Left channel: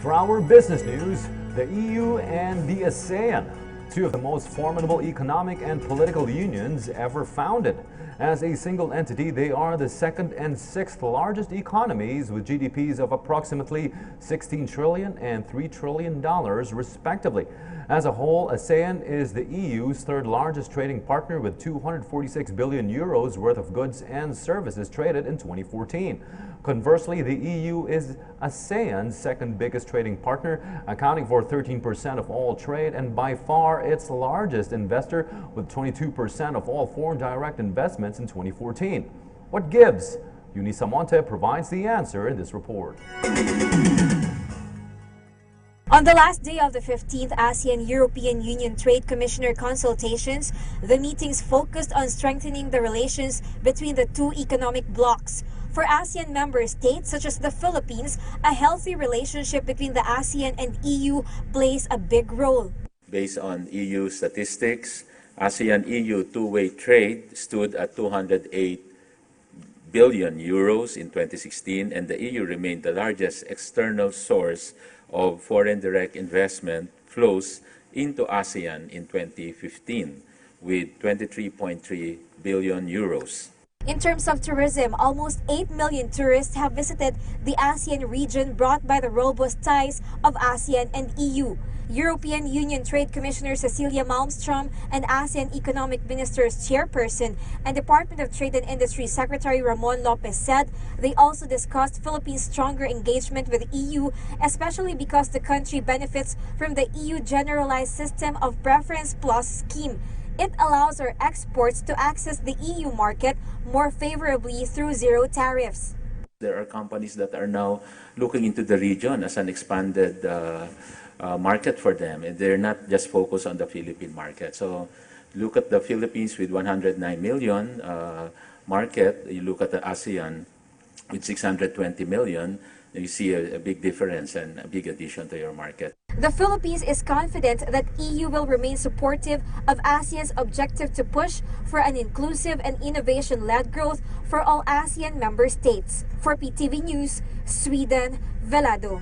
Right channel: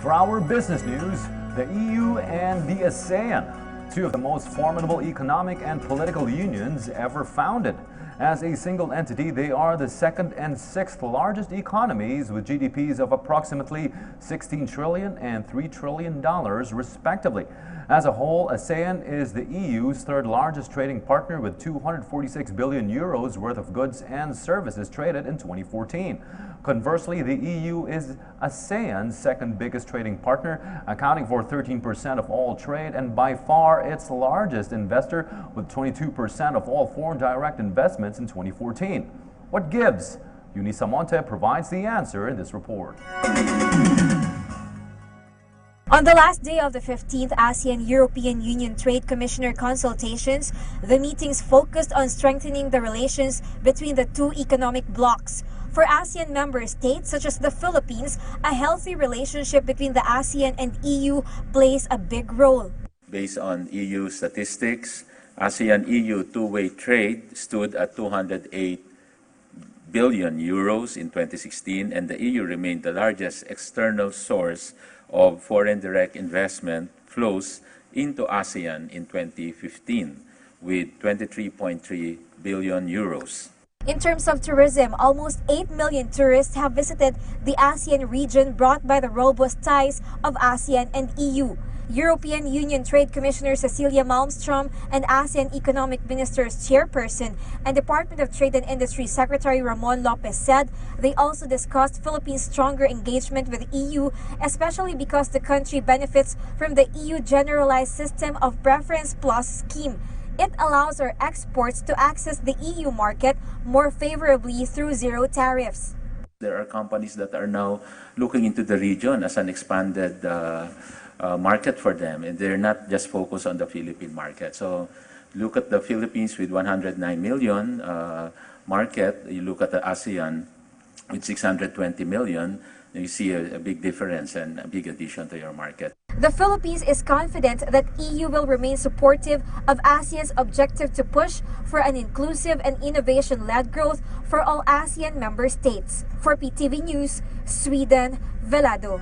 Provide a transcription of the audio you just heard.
For our business news, the EU and the ASEAN, two of the most formidable economic and political unions ever founded. As a single entity, they are the second and sixth largest economies with GDPs of approximately $16 trillion and $3 trillion respectively. As a whole, ASEAN is the EU's third largest trading partner with 246 billion euros worth of goods and services traded in 2014. Conversely, the EU is ASEAN's second biggest trading partner, accounting for 13% of all trade and by far its largest investor with 22% of all foreign direct investments in 2014. What gives? Eunice Monte provides the answer in this report. On the last day of the 15th ASEAN-European Union Trade Commissioner Consultations, the meetings focused on strengthening the relations between the two economic blocs. For ASEAN member states such as the Philippines, a healthy relationship between the ASEAN and EU plays a big role. Based on EU statistics, ASEAN-EU two-way trade stood at 208 billion euros in 2016, and the EU remained the largest external source of foreign direct investment flows into ASEAN in 2015 with 23.3 billion euros. In terms of tourism, almost 8 million tourists have visited the ASEAN region brought by the robust ties of ASEAN and EU. European Union Trade Commissioner Cecilia Malmström and ASEAN Economic Ministers Chairperson and Department of Trade and Industry Secretary Ramon Lopez said they also discussed Philippines' stronger engagement with the EU, especially because the country benefits from the EU Generalized System of Preference Plus scheme. It allows our exports to access the EU market more favorably through zero tariffs. There are companies that are now looking into the region as an expanded market for them, and they're not just focused on the Philippine market. So look at the Philippines with 109 million market, you look at the ASEAN with 620 million, you see a big difference and a big addition to your market. The Philippines is confident that EU will remain supportive of ASEAN's objective to push for an inclusive and innovation-led growth for all ASEAN member states. For PTV News, Sweden, Velado.